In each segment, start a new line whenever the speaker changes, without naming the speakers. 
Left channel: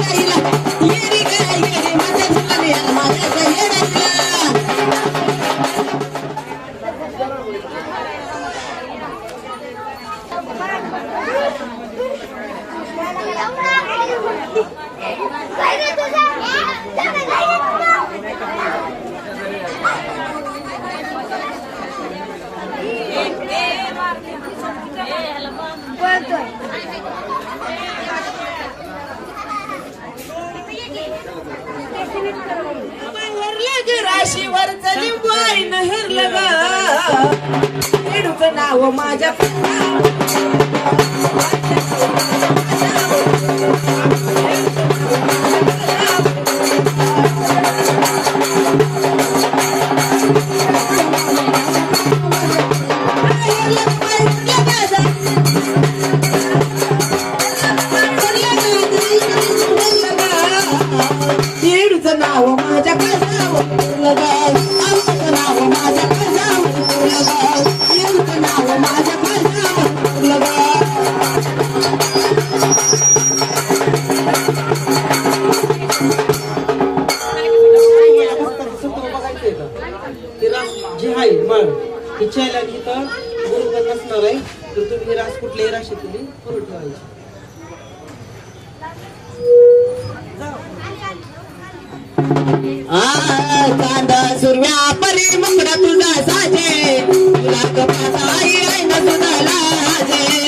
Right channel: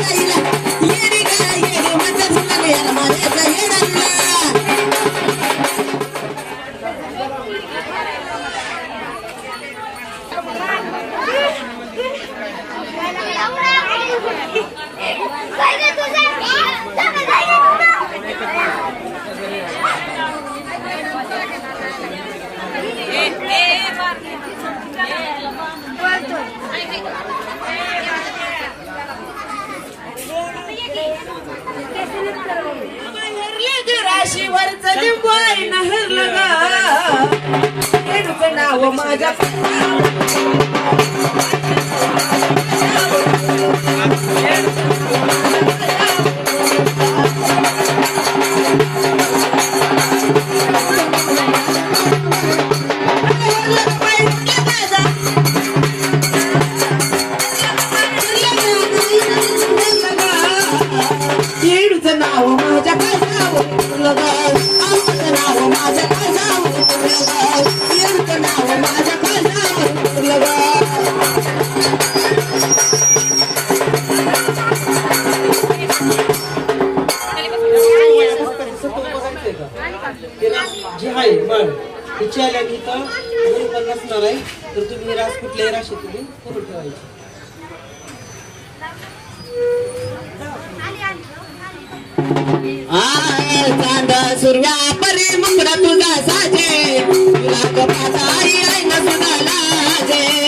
la, la. राशीवरचं लिंबू आई नहरलं ग. नाव माझ्या येडूचं नाव माझ्या नाव माझ्या काजाव लगा इच्छा
आल्या की तर बरोबर तुम्ही रास कुठल्याही राशी तुम्ही करून ठेवायची.
कांदा सुरव्या परी मुकडा तुझा साजे तुला कपाचा आई आई ना सुद्धा लाजे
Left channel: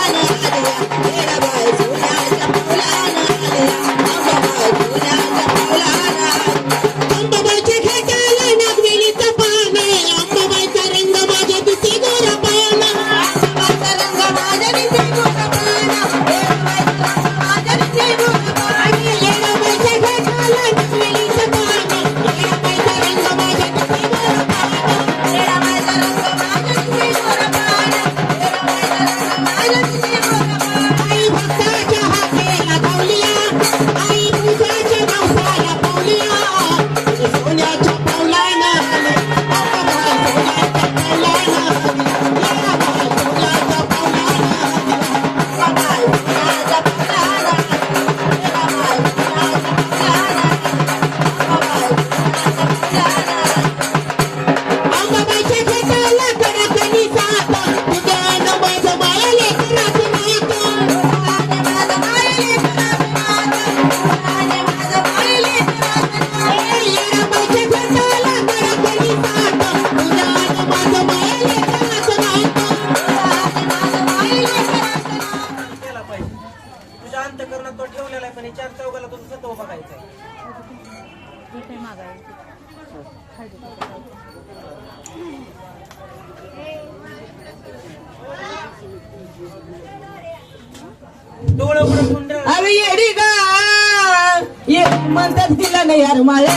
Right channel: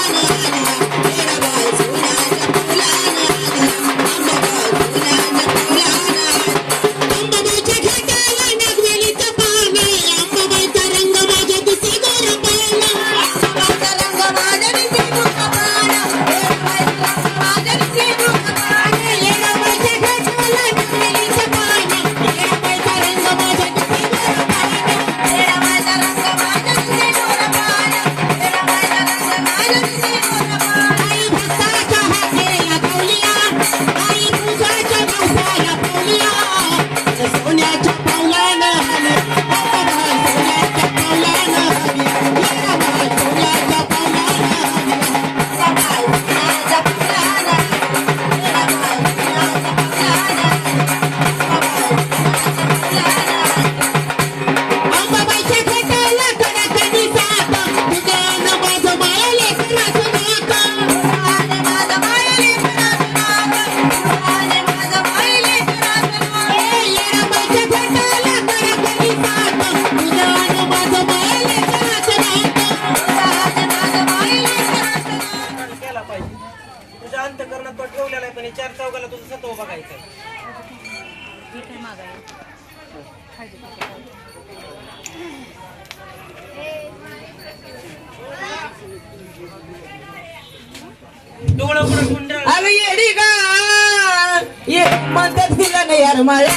Oh, अंतकरणात तो ठेवलेला आहे पण चार चौघाला तुझं सत्व बघायचं आहे.
डोळं
येडी का ये म्हणतात तिला नाही यार माळे